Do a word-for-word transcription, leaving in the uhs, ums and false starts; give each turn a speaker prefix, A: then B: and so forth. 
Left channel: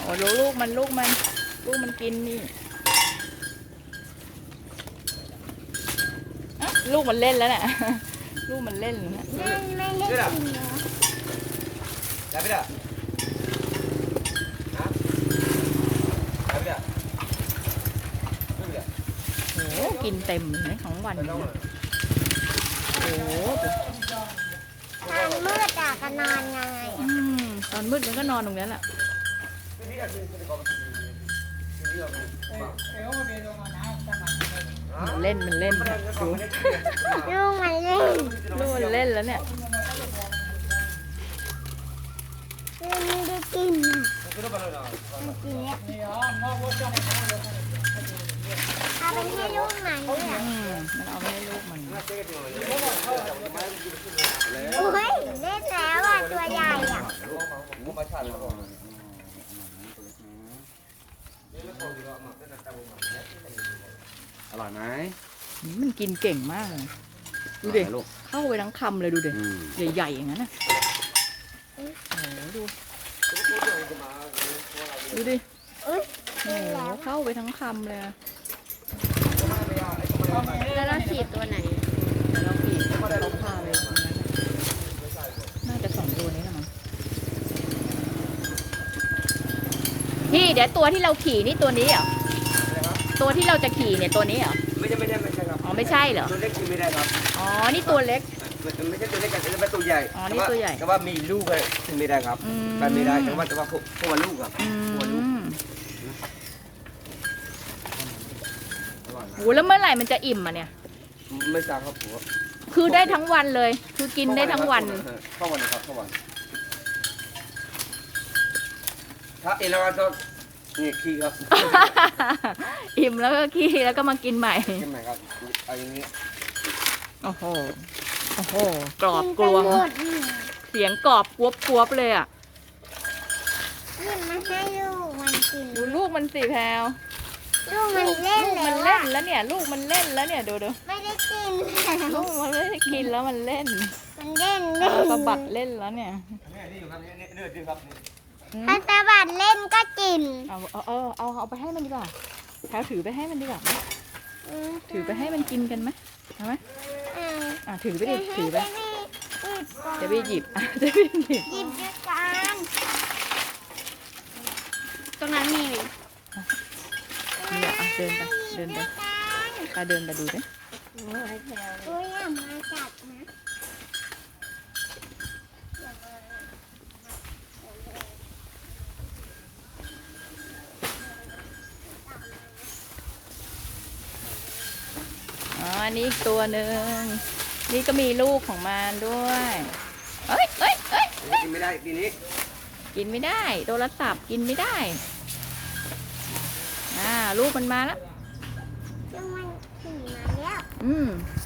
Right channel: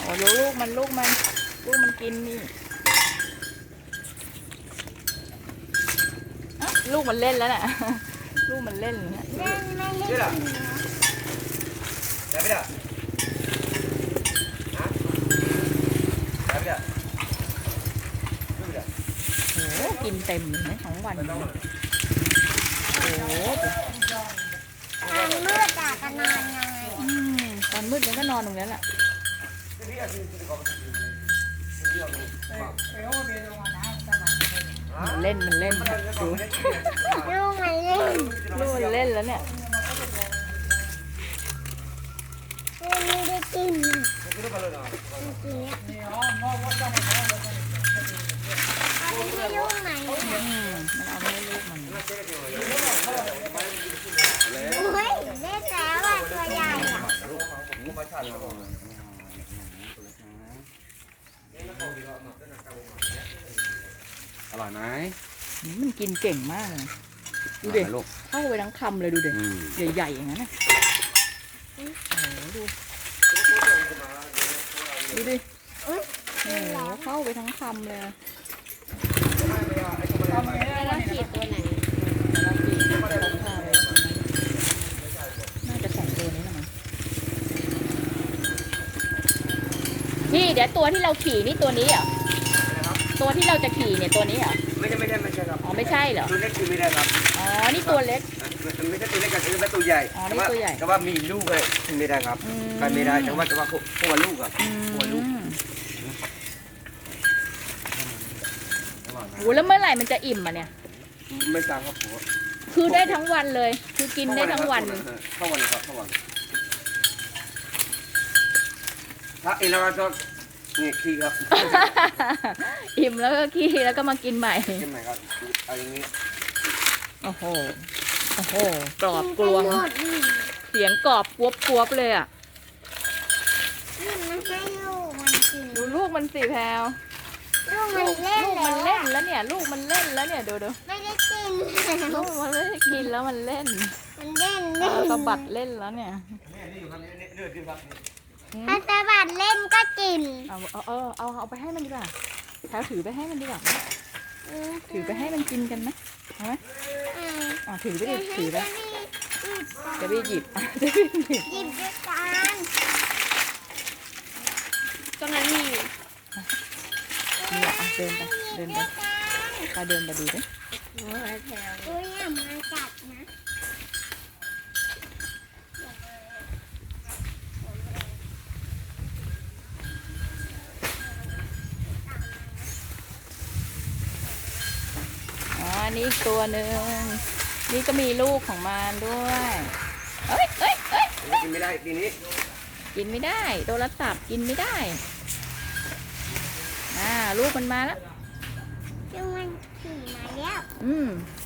A: ดูลูกมันลูกมันลูกมันกินนี่ลูกมันเล่นแล้วน่ะลูกมันเล่นแล้วนะ
B: ไม่ไม่เล่นกินนะ
A: โอ้กินเต็มเลยของวันนี้โอ้
B: ทางมืดอะก็นอนไง
A: ตอนมืดมันก็นอนตรงนี้แหละมันเล่นมันเล่นดู
B: ลูกมันเล่น
A: ลูกมันเล่นแล้วเนี่ย
B: ลูกไม่ได้กินมันกินเนี่ยเอาไปให้ลูกไหน
A: มันเอาไปให้ลูกมัน
B: โอ้ยเล่นแล้วอ่ะตัวใหญ่อ่ะ
C: อร่อยไหม
A: มันกินเก่งมากเลยดูเด็กเข้าไปทั้งคำเลยดูเด็กใหญ่ๆอย่างนั้นนะโอ้ดูดูดิโอ้เข้าไปทั้งคำเลย
B: แล้วเราฉีดตัวไหน
A: เดี๋ยวเราขี่จะลงพาไปตรงนั้นน่าจะสองตัวนี้ละมั้งพี่เดี๋ยวตัวที่เราขี่นี่ตัวนี้เหรอตัวที่เราจะขี่เนี่ยตัวนี้เหรอ
C: ไม่ใช่ไม่ใช่ไม่ใช่ครับ
A: อ๋อไม่ใช่เหรอ
C: ตัวเล็กคือไม่ได้ครับ
A: อ๋อนี่ตัวเล็ก
C: มันไม่ใช่ตัวเล็กกันเป็นตัวใหญ่
A: อ๋อนี่ตัวใหญ่
C: แต่ว่ามีลูกเลยไม่ได้ครับการไม่ได้แต่ว่าแต่ว่าพวกลูกครับพวกลูก
A: โอ้แล้วเมื่อไหร่มันจะอิ่มอ่ะเนี่ย
C: ไม่สั่งครับผม
A: คือได้ทั้งวันเลยคือกินได้ทั้งวัน
C: เข้าวันครับเข้าวันถ้าเอเราจะนี่ขี้ครับ
A: อิ่มแล้วก็ขี้แล้วก็มากินใหม่
C: กินใหม่ครับเอาอย่างนี้
A: โอ้โหโอ้โหกรอบกรวงเสียงกรอบกวบกวบเลยอ่ะดูลูกมันสิแพลว
B: ลูกมันเล่น
A: ลูกมันเล่นแล้วเนี่ยลูกมันเล่นแล้วเนี่ยดูดู
B: ไม่ได้กิน
A: ลูกมันไม่ได้กินแล้วมันเล่น
B: มันเล่น
A: เล่นสะบัดเล่นแล้วเนี่ย
B: ถ้าสะบัดเล่นก็กิน
A: เอาเอาเอาเอาเอาไปให้มันดีกว่าแพลวถือไปให้มันดีกว่าถือไปให้มันกินกันไหมเอาไหมอ่าถือไปดิถือไปจะไปหยิบจะไปหยิบ
B: หยิบด้วยกันตรงนั้นมี
A: นี่อ่ะเดินไปเดินไปตาเดินไปดูดิ
B: โอ้ยโอ้ยอย่ามาจับนะ
A: อ๋อนี่อีกตัวหนึ่งนี่ก็มีลูกของมันด้วยเอ้ยเอ้ยเอ้ย
C: กินไม่ได้ปีนี้
A: กินไม่ได้โทรศัพท์กินไม่ได้อ่าลูกมันมาแล้ว
B: มันขี่มาแล้ว
A: อืม